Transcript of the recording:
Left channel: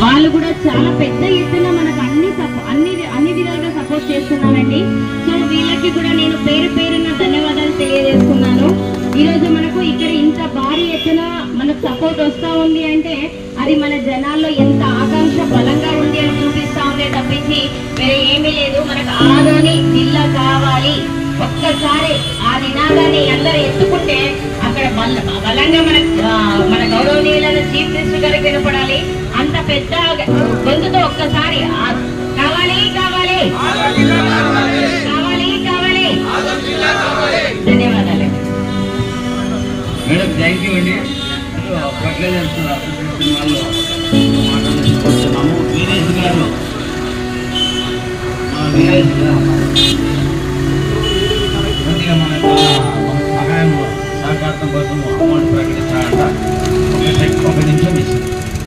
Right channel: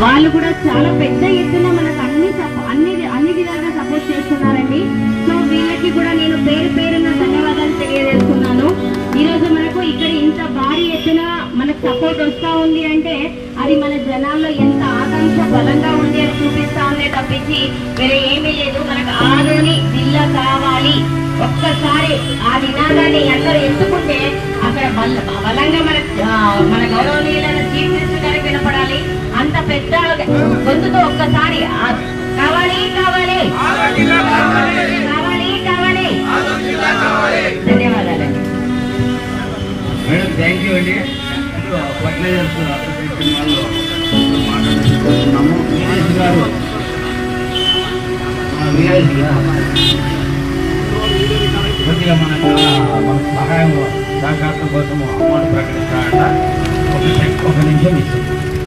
వాళ్ళు కూడా చాలా పెద్ద ఎత్తున మనకు అన్ని విధాలుగా సపోర్ట్ చేస్తున్నారండి. సో వీళ్ళకి కూడా నేను పేరు పేరున ధన్యవాదాలు తెలియజేస్తున్నాను. ఈరోజు మనకు ఇక్కడ ఇంత భారీ ఎత్తున మనకు సపోర్ట్ వస్తూ ఉంది అంటే అది మన జనాల్లో ఎంత ఆకాంక్ష బలంగా ఉంది అని చూపిస్తా ఉందే తప్పించి వేరే ఏమీ లేదు. మనకు ఆదోని జిల్లా కావాలి, ఒక్కసారి ఆ నినాదాన్ని అందరూ ఎత్తుకుంటే అక్కడ బలంగా మన గౌరవనీయులైన చీఫ్ మినిస్టర్ గారికి వినపడాలి. అంత పెద్ద గొంతుతో ఒక్కసారి కావాలి కావాలి కావాలి కావాలి. ధన్యవాదాలు మేడం, థ్యాంక్ యూ అండి. ఫర్టిలైజర్స్ అసోసియేషన్ వాళ్ళు వీరేష్ గారు, వీరేష్ గారు